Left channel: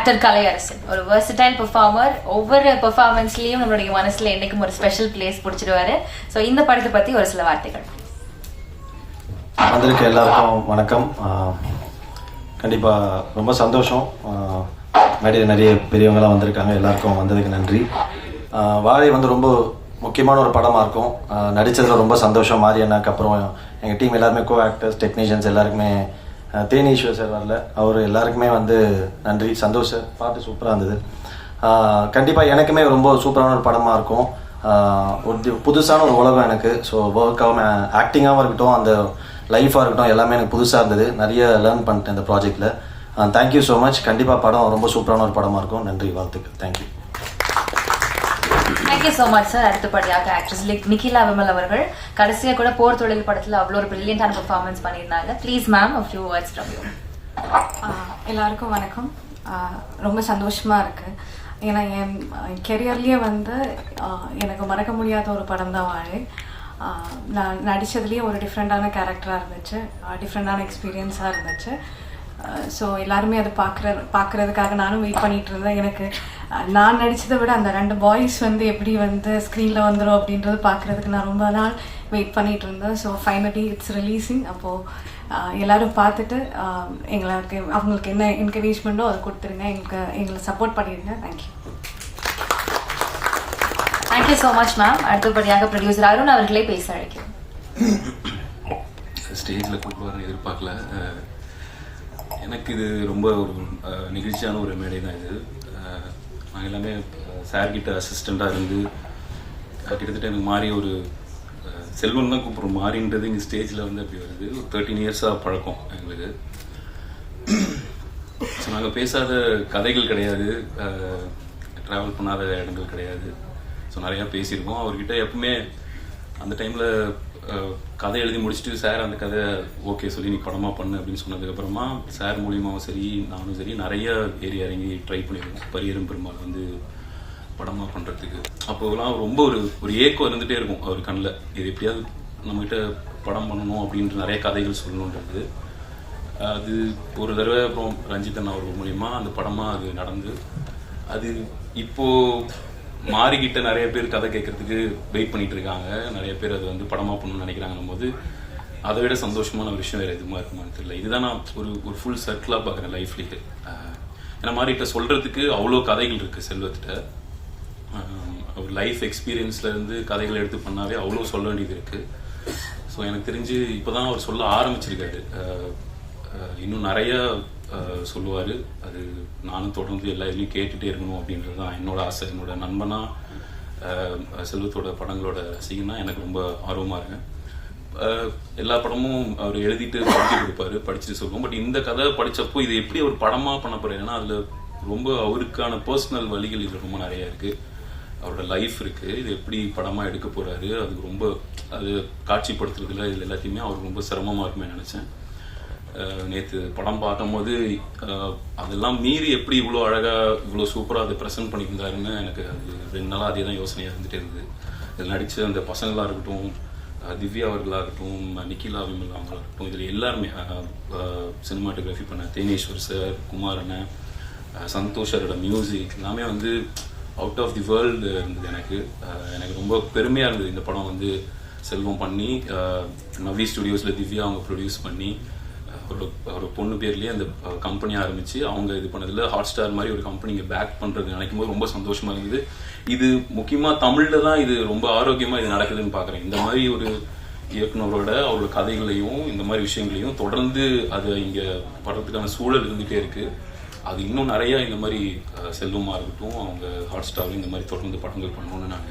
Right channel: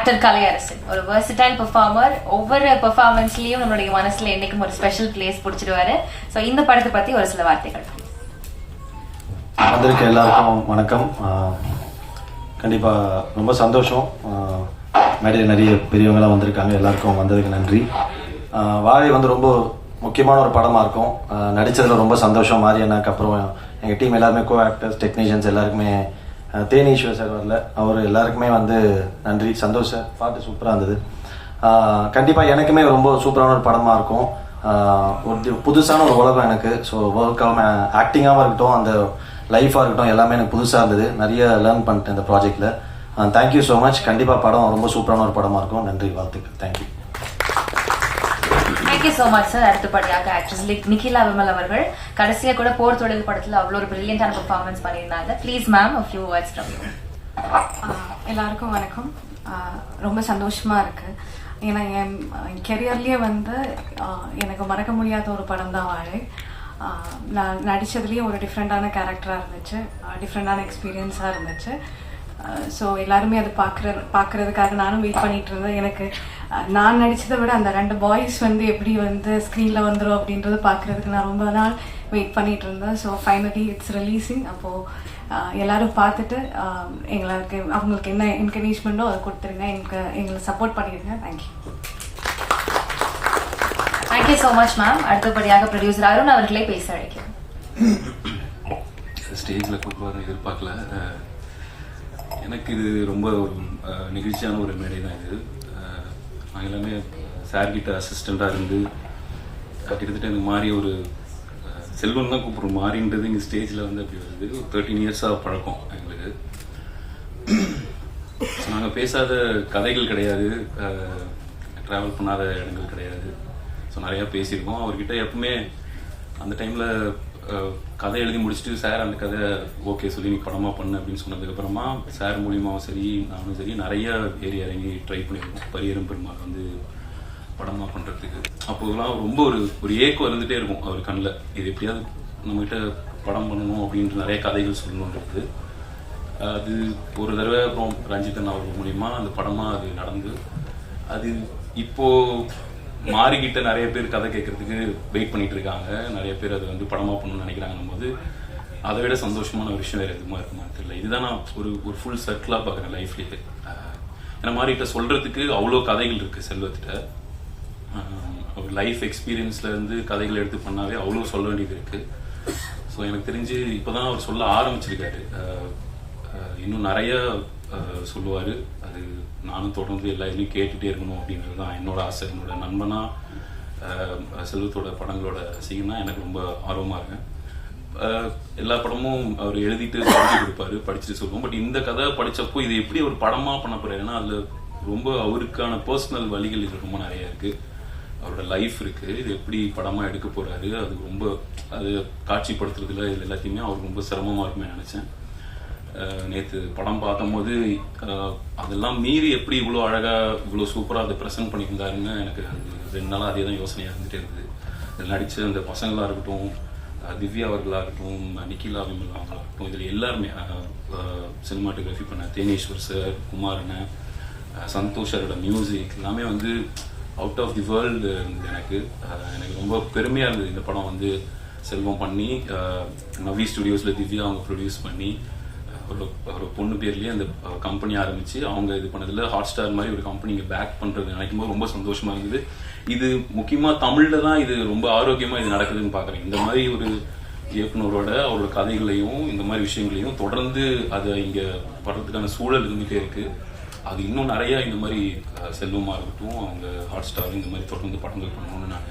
Actor Kalaiyarasan ஒரு versatile performer. ஒவ்வொரு பெர்ஃபார்மன்ஸ்லயும் நம்மளுடைய மனசுல என்னைக்கும் ஒரு ஸ்பெஷல் பிளேஸ் பிடிச்சிடுவாரு. ஸோ இந்த படத்தை பத்தி ஒரு சில வார்த்தைகள். வந்திருக்க எல்லாருக்கும் வணக்கம். கண்டிப்பா ரொம்ப சந்தோஷம். மேடையில் நிறைய பெரியவங்களாம் வந்திருக்காங்க. எல்லாருக்கும் வந்ததுக்கு நன்றி. வாழை வந்து ரொம்ப முக்கியமான ஒரு படமாக இருக்கும். நடித்ததில் ரொம்ப சந்தோஷம். மாரியண்ணாக்கு அப்புறம் எங்கள் டீம் எல்லாருமே கோ ஆக்டர்ஸ், டெக்னீஷியன்ஸ் எல்லாருக்குமே, தேனீஸ்வர் சார் வரல, அவர் எல்லாருக்குமே வந்து நன்றி. சந்தோஷ் சார் பாட்டு சூப்பராக இருந்தது. கண்டிப்பாக எனக்குமே ரொம்ப சூப்பரான ஒரு படமாக இருக்கும். ஒரு புதுசான ஒரு உலகம் எனக்கு. ஸோ ஒர்க்காகவும் ஆக்டிங்காகவும் இருக்கட்டும், அந்த லைஃபாக இருக்கட்டும், எல்லாமே எனக்கு புதுசாக இருந்தது. நிறைய லேர்ன் பண்ணிட்டேன் இந்த ப்ராஜெக்டில். Thank you so much. கண்டிப்பாக படம் ரொம்ப சூப்பரான ஒரு படமாக இருக்கும். நன்றி, வாழ்த்துக்கள். Thank you. Thank you so much sir. அடுத்தபடியாக ஆக்ட்ரஸ் லைக் நிகிலா விமல் அவர்கள் கடைசியா கூட போர் தொழில் படத்துல அவ்வளோ ஒரு பிரில்லியன்டான பெர்ஃபார்மன்ஸ் பண்ணியிருந்தாங்க. Please ma'am a few words from you. எல்லாருக்கும் வணக்கம். ரொம்ப சந்தோஷமா இருக்கு. ஏன்னா என் கெரியர்லயே வந்து எனக்கு மறக்க முடியாத ஒரு படம் தான் வாழை. நான் நடிச்சதுலயே ஒரு டிஃப்ரெண்டான கேரக்டரா இருந்துச்சு, டிஃப்ரெண்டான எக்ஸ்பீரியன்ஸா இருந்துச்சு. ஸோ எல்லாருமே அது பார்க்கறதுக்காக நானும் வெயிட் பண்ணிட்டு இருந்தேன். எனக்கு நான் நடிச்சதை விட அந்த 2 பாய்ஸ் வந்து எப்படி வந்து ஸ்க்ரீன்ல வந்துடும் அப்படின்றது பார்க்கறதுக்கு நான் ரொம்ப நாள் வெயிட் பண்ணிட்டு இருந்தேன். So finally it's releasing. அப்போ எல்லாரும் பார்த்துட்டு அவங்களுக்கு என்ன என்கரேஜ்மெண்ட்டோ அதை கொடுத்துருங்க, எங்களை சப்போர்ட் பண்ணிடுங்க. Thank you. Thank you so much ma'am. அடுத்தபடியாக ப்ரொடியூசர் அருண் அவர்களே பேச அழைக்கிறேன். ஸ்டேஜில் கூப்பிடுவார் எதிர்பார்க்கல. எனக்கு இது ரொம்ப ஒரு நிகழ்ச்சியான ஒரு மேடை தான் இது. நான் எல்லாமே சார்கிட்ட அசிஸ்டண்டாக இருந்து கிட்டத்தட்ட எனக்கு மாறி ஒரு செல்வன் தான் கூப்பிட்றோம். மாறின்றது இங்கே ஸ்டேஜில் வந்து அப்படி வருது. ஒரு 13 இயர்ஸாக பழக்கம் எங்களுக்கு. ஸோ நாங்கள் பேசாத கதைகள் கிடையாது, ட்ராவல் பண்ணாத இடங்கள் கிடையாது. ஸோ நிறையா பேசியிருக்கோம். அவர்கிட்ட எப்பவுமே அந்த டைமில் கதை எழுதி முடிச்சுட்டு சார் அந்த கதை ஓகே சொல்லி நீ படமாக பண்ணு அப்படின்னு சொன்னதுக்கப்புறமா சார் மூலியமாகவும் சரி நானும் சரி நிறைய ஏறி இறங்கி ட்ரை பண்ணியிருக்கோம் பரியரும் பெருமாள் வந்து படமாக பண்ணுறதுக்கு. அப்போதெல்லாம் ரொம்ப ஒரு ஏக்கம் இருந்துகிட்டே இருக்கும் அவர் கண்ணில். இது எப்படியாவது நம்மகிட்ட படம் பண்ணணும் அப்படின்ற நிறைய கதைகள் சொல்லணுன்றது. அது ஒரு தடவை அப்புறம் ரஞ்சிதன் அவர்கள் மூலியமாக அந்த படமாக அது நடந்து அது இப்போது மாறிக்கிட்ட நிறைய பேர் கதை கேட்கறதுக்கு வெயிட் பண்ணிட்டு இருக்காங்க. நிறைய பேர் அதை வந்து படமா பண்ணணும்னு நினைக்கிறாங்கன்னும் போது அதை விட சந்தோஷமான ஒரு விஷயம் வேற எதுவுமா இருக்குமான்னு தெரியல. இதுதான் நான் ஒரு ஃபுல் சர்க்கிளா பாக்குறேன் லைஃப்லயே. ஏன்னா மாறிட்ட சொல்றதுக்கு அவ்வளோ கதைகள் இருக்கு செல்வத்திட்ட. ஒரு லைஃப் எக்ஸ்பீரியன்ஸ்ல இருந்து கதைகள் எடுத்து பண்ணாவே அவ்வளோ சொல்ல வேண்டியது இருக்கு. ஸோ எனக்கு தெரிஞ்சு இப்போதான் அவர் சொல்ல ஆரம்பிச்சிருக்காரு. இன்னும் நிறைய சொல்லுவார். அது நானும் தொடர்ந்து எல்லா இதுலையும் கேட்டுகிட்டே இருக்கணும் அப்படின்றது தான் என்னோட ஆசை. என்னோட நண்பனா செல்வத்தோட படங்களோட செய்யணும்னா எனக்கு ரொம்ப ஆர்வமாக இருக்கேன். எல்லா படமும் அவர் எழுதிட்டு படிச்சு கொடுப்பாரு, படிச்சுட்டு சொல்லுவோம். பட் இந்த கதை படித்தப்போ இது எப்படி ஒரு படமாக பண்ண போறாருன்னா அதில் ரொம்ப அவருக்கான பர்சனல் வழிகள் இது ரொம்ப நிறைய இருக்கு. அவரோட லைஃப் இருக்கு. இது எப்படி படமாக எடுக்க போறாரு அது ரொம்ப அது காட்சிப்படுத்துறதுல இது எல்லாத்தையுமே அவருக்கு ரொம்ப சிரமமாக இருக்குமே நினைச்சேன். நேற்று படம் பார்க்கும்போது அதெல்லாம் மீறி எப்படி இவ்வளோ அழகாக இவ்வளோ சூப்பராக அதை ப்ரெசென்ட் பண்ணியிருந்தாருன்னு எனக்கு அது 2 நாளாக அதே தான் யோசனையாக இருந்துகிட்டே இருந்தது. இதில் நடித்த அந்த பசங்களாக இருக்கட்டும், திவ்யா அவர்களாகட்டும், நிகிலா விமல் அவங்களாகட்டும், இதில் எல்லாருமே சினிமாட்டோகிராஃபி பண்ண தேனீஸ்வர் சார், குமாரண்ணன், சந்தோஷரோட மியூசிக் எல்லாமே வந்து அவுட் ஆஃப் தி வேர்ல்டு இருந்தது. எனக்கு ரொம்ப பெருமையாக இருந்தது இந்த படம் வந்து செல்வம் பண்ணி நவி ஸ்டுடியோஸில் திவ்யா அவங்க ப்ரொடியூஸ் பண்ணி ஒரு பொண்ணு பேர்லயே அந்த கம்பெனி ஆரம்பிச்சு அவங்க இது பண்ணதுல ஹாட் ஸ்டார் மாதிரி ஒரு கம்பெனியை பேக் பண்றது நினைக்கும் போது ரொம்ப சந்தோஷமா இருந்தது. இது முக்கியமா தமிழ்ல தான் இது ரொம்ப ஆரோக்கியமா இது நடக்குதுன்னு பாக்குறேன். இந்த மாதிரி ஒரு இயக்குனரோட அவரோட கதைகளையும் இந்த மாதிரி விஷயங்களையும் தொடர்ந்து அதை இங்க படுறதுக்கான சூழல் இருந்துகிட்டே இருக்கு. அது இன்னும் நிறைய இந்த மாதிரி செல்வமா இருக்கட்டும், அவங்க ஹாட் ஸ்டார் இந்த மாதிரி தொடர்ந்து படங்கள் பண்ணணும்னு நான்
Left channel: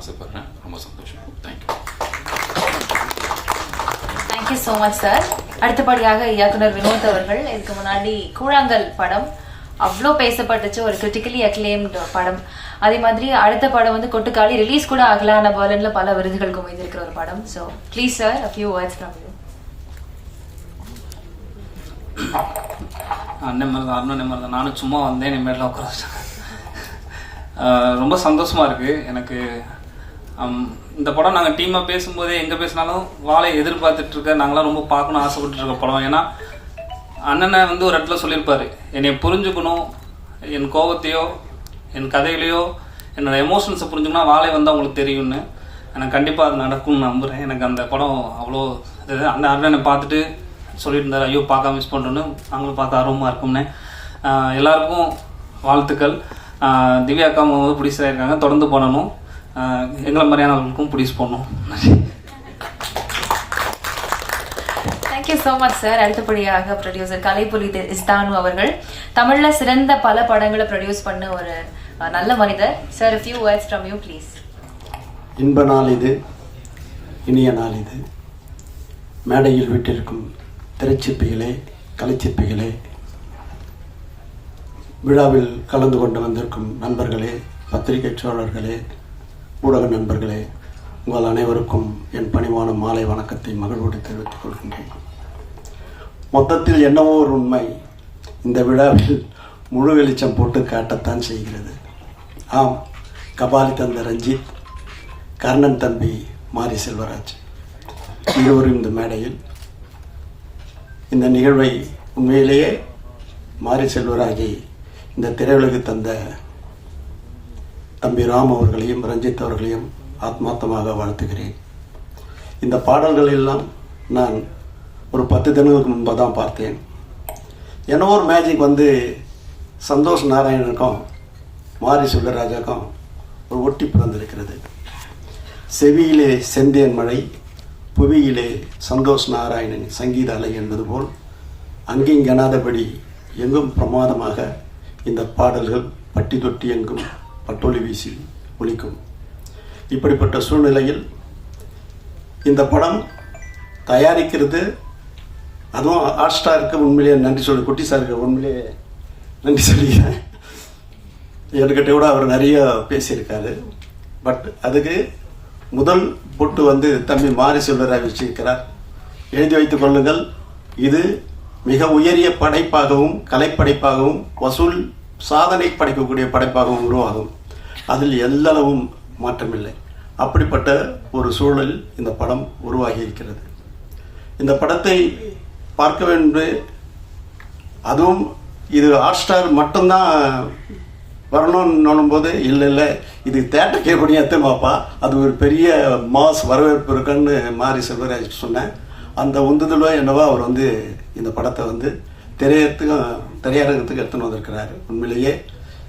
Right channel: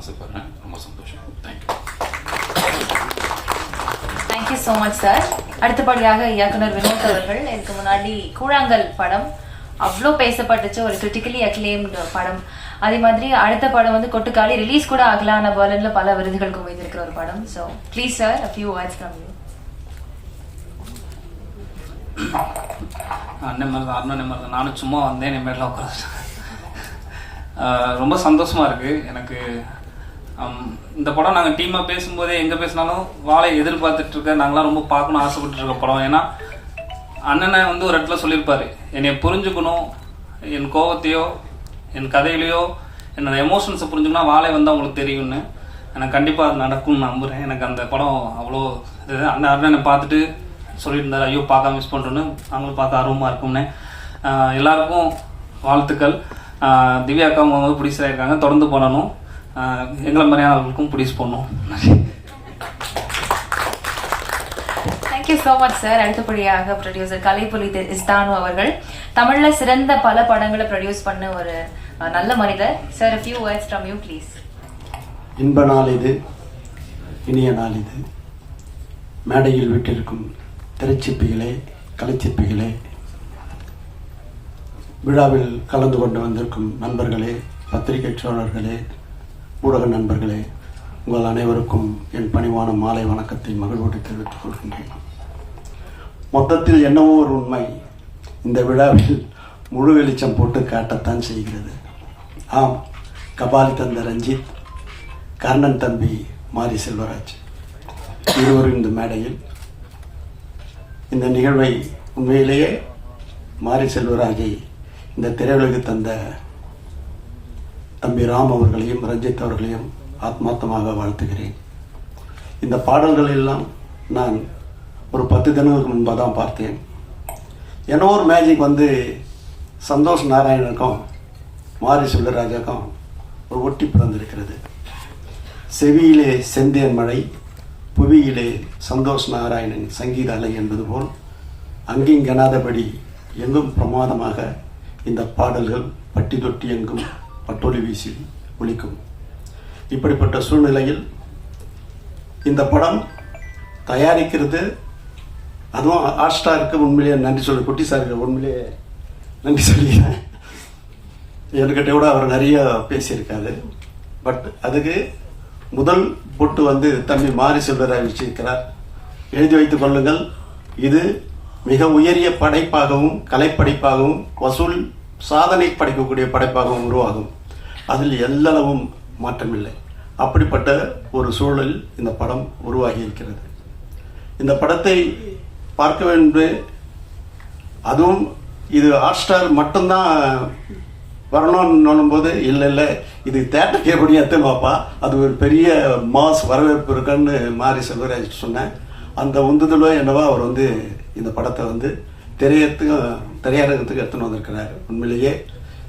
ஆசைப்படுறேன். ரொம்ப சந்தோஷம். Thank you. Thank you so much sir. அடுத்தபடியாக இயக்குனர் வினோத் அவர்கள். இதுக்கு முன்னாடி கூழாங்கல் படம் அவ்வளோ பேசப்பட்டுச்சு, ஒரு கிரிட்டிக்கலி அக்ளைம்டு படம். அதே மாதிரி அடுத்த படம் வந்து கொட்டுக்காளி ரிலீஸ் கூட ஆகல, ஆனா பெர்லின்ல பல விருதுகள் குவிந்திருக்கிற ஒரு படம். So please sir a few words from you. நானும் சும்மா வந்தேன், நிம்மதியில் உட்காந்துட்டேன். ரொம்ப சந்தோஷமா இருக்கு எனக்கு. இந்த படம் நாங்கள் டீமாக பேசும்போதே எங்கே பேசினாலும் வாழை எதிர்பார்த்துட்டு இருக்க, நாங்களாம் ரொம்ப பார்க்கணும் ஆசைப்பட்டு இருக்க படம். ஏன்னா அண்ணனை வந்து ஒரு இடத்துல சொல்லியிருப்பாரு, என்னை புரிஞ்சுக்கணும், என் கோபத்தையோ என் கதையிலையோ என்னோட எமோஷன்ஸை புரிஞ்சுக்கணும்னா வாழை வந்து அவங்களுக்கு தெரியும்னு எனக்கு கண்டிப்பாக அது நடக்கும்னு நம்புகிறேன். எனக்கு அந்த படம் அவ்வளோ இது அந்த அண்ணனை பார்த்துட்டு சொல்லிட்டு இருந்தார், ஐயோ பார்க்க மிஸ் பண்ணுறோன்னு. அவங்களும் பார்க்க ஆர்வமாக இருக்கும்னு. எல்லாருக்கும் வாழ்த்துக்கள். திவ்யா அக்கா அவங்க வந்து ப்ரொடியூசராக இருக்காங்க, தொடர்ந்து பண்ணணும். எங்களை மாதிரியானவங்களுக்கும் ப்ரொடியூஸ் பண்ணணும். Thank you so much sir. அடுத்தபடியாக ப்ரொடியூசர் கலைப்புலி இஸ்தானு அவர்கள் தமிழ்ல சிறந்த பல படங்களை ப்ரொடியூஸ் பண்ண ஒரு நல்ல மனிதர். Sir, a few words from you please. இன்ப நாள் இது, இனிய நாள் இது. மேடையில் விட்டிருக்கும் திரைச்சிற்பிகளே, கலைச்சிற்பிகளே, விழாவில் கலந்து கொண்டு வந்திருக்கும் நண்பர்களே, பத்திரிகை சோழர்களே, ஊடக நண்பர்களே, உங்கள் அனைவருக்கும் என் பணிவான மாலை வணக்கத்தை மகிழ்வோடு தெரிவித்துக் கொள்கின்றேன். மொத்தத்தில் என்னவோ ஒரு உண்மை இந்த விழாவில் முழு வெளிச்சம் போட்டு காட்டத்தான் செய்கிறது. ஆம், கபாலி தந்த ரஞ்சித், கர்ணன் தம்பி மாரி செல்வராஜ் இருவரும் இந்த மேடையில். இந்த நிகழ்வை உண்மையிலேயே மாரி செல்வராஜை இந்த திரையுலகு தந்த தம்பி ராம் அவர்களையும் ரஞ்சித் அவர்களையும் ஆத்மார்த்தமாக வாழ்த்துகிறேன். இந்த பாடல்கள் எல்லாம் நான் ஒரு 10 தினங்களுக்கு முன்பாக தான் பார்த்தேன். ஏன்னா ஒரு மேஜிக் வந்து சந்தோஷ் நாராயணனுக்கும் மாரி செல்வராஜாக்கும் ஒரு ஒட்டி பிறந்திருக்கிறது. செவியிலே செந்தேன் மழை, புவியிலே சந்தோஷ் நாராயணன் சங்கீத அலை என்பது போல் அங்கிங்கனாதபடி எங்கும் பிரமாதமாக இந்த பாடல்கள் பட்டி தொட்டி எங்கும் பட்டொலி வீசி ஒலிக்கும். இப்படிப்பட்ட சூழ்நிலையில் இந்த படம் தயாரிக்கிறது, அதுவும் ஹாட்ஸ்டாருக்கு உண்மையிலேயே நன்றி சொல்லி, குட்டி சாருக்கு உண்மையிலேயே நன்றி சொல்லிக்கிறேன். என்கிட்ட கூட அவர் நிறைய பேசியிருக்காரு. பட் அதுக்கு முதல் பொட்டு வந்து தம்பி மாரி செல்வராஜ் வச்சிருக்கிறார். எழுதி வைத்துக் கொள்ளுங்கள், இது மிக உயரிய படைப்பாகவும் கலைப்படைப்பாகவும் வசூல் சாதனை படைக்கக்கூடிய படைப்பாகவும் உருவாகும். அதில் எல்லளவும் மாற்றமில்லை. அப்படிப்பட்ட ஒரு சூழல் இந்த படம் உருவாகி இருக்கிறது. இந்த படத்தை பார்க்க வேண்டும், அதுவும் இது ஹாட்ஸ்டார் மட்டும்தான் வரணும்னு போது இல்லை இது தேட்டர் கேட்கக்கூடிய எத்தமாப்பா, அது ஒரு பெரிய மாஸ் வரவேற்பு இருக்குன்னு மாரி செல்வராஜ் சொன்னேன். அந்த உந்துதலோ என்னவோ அவர் வந்து இந்த படத்தை வந்து திரையரங்கத்துக்கு எடுத்துன்னு வந்திருக்கிறார். உண்மையிலேயே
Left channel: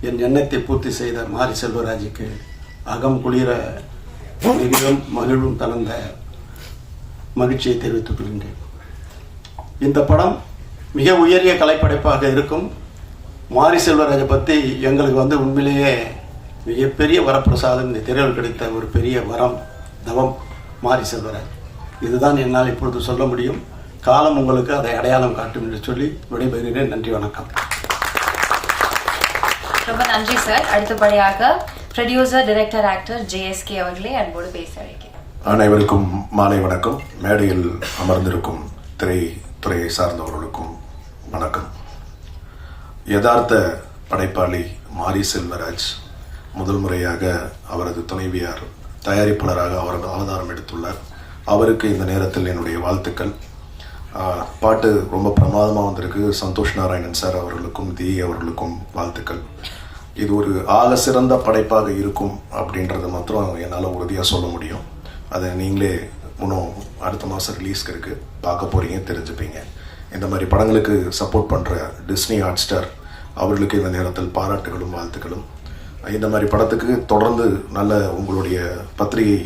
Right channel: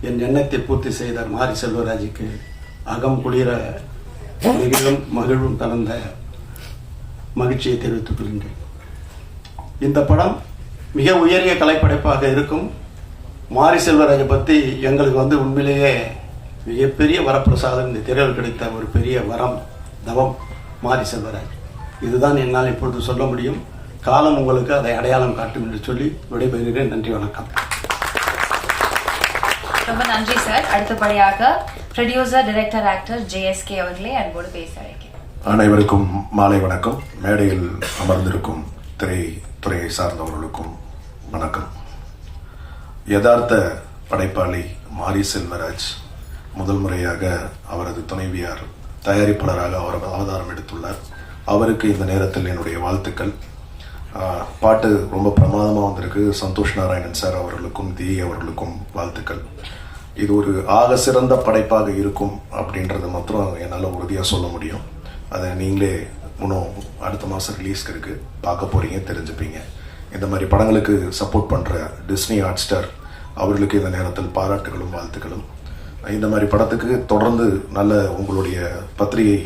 என் எண்ணத்தை பூர்த்தி செய்த மாரி செல்வராஜுக்கு அகம் குளிர மகிழ்வும் தகுந்த மகிழ்ச்சியை தெரிவித்துக் கொள்கின்றேன். இந்த படம் மிக உயரிய கலைப்படைப்பாக இருக்கும். மாரி செல்வராஜை பற்றி எங்களுக்கு வந்து உண்மையிலேயே மிகப்பெரிய வரப்பிரசாதம், இந்த திரையில் கிடைத்த ஒரு பெரிய வரம், தவம் மாரி செல்வராஜ். இதுதான் என்னால் இப்பொழுது சொல்ல முடியும். காலம் உங்களுக்கு அதை அடையாளம் காட்டும் என்று சொல்லி விடைபெறுகிறேன். நன்றி, வணக்கம். ரொம்ப நன்றி சார். அடுத்தபடியாக ப்ரொடியூசர், டைரக்டர், ஆக்டர் JSK அவர்களே அன்போடு பேச அழைக்கிறேன். அனைவருக்கும் மாலை வணக்கம். மேடையில் அமர்ந்திருக்கும் திரைத்துறையை சார்ந்தவர்களுக்கும் வணக்கம். யதார்த்த படைப்பாளி மாரி செல்வராஜ் முதல் முறையாக அவரது துணைவியார் தயாரிப்பாளராக அவரது அவதாரம் எடுத்துள்ளார். அவருக்கு இந்த நேரத்தில் என்னுடைய வாழ்த்துக்கள். பாட்டு ரொம்ப பிரமாதமாக வந்திருக்கு. சந்தோஷ் நாராயணன் சார் அவர்களுக்கும் அவர்களுக்கும் வாழ்த்துக்கள். இது ஒரு ஆக சிறந்த படைப்பாக இருக்கும் அப்படின்றத மாத்திரம் என்னால் உறுதியாக சொல்ல முடியும். அதை நீங்களே இன்னும் அடுத்த மாதம் ரிலீஸ்க்கு இருக்கு, பார்க்க போறீங்க, தெரிஞ்சுப்பீங்க. இந்த மாதிரி படங்களுக்கு சப்போர்ட் பண்ணுற டிஸ்னி ஹாட்ஸ்டார் அவர்களுக்கு இந்த நேரத்தில் பாராட்டுகளும் வாழ்த்துக்களும். இந்த மாதிரி படத்துக்கு தொடர்ந்து நல்ல உங்களுடைய பத்திரிகை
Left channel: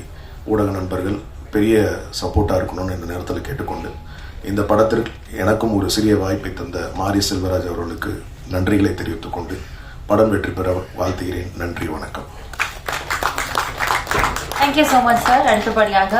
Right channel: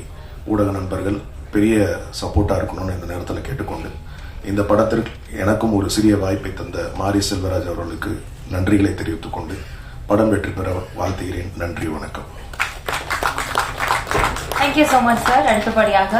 ஊடக நண்பர்கள் பெரிய சப்போர்ட்டாக இருக்கணும்னு இந்த நேரத்தில் கேட்டுக்கொண்டு, இந்த படத்திற்கு எனக்கும் ஒரு சிறிய வாய்ப்பை தந்த மாரி செல்வராஜ் அவர்களுக்கு நன்றிகளை தெரிவித்துக் கொண்டு படம் வெற்றி பெற வாழ்த்துகிறேன். நன்றி, வணக்கம். Thank you so much sir. அடுத்தபடியாக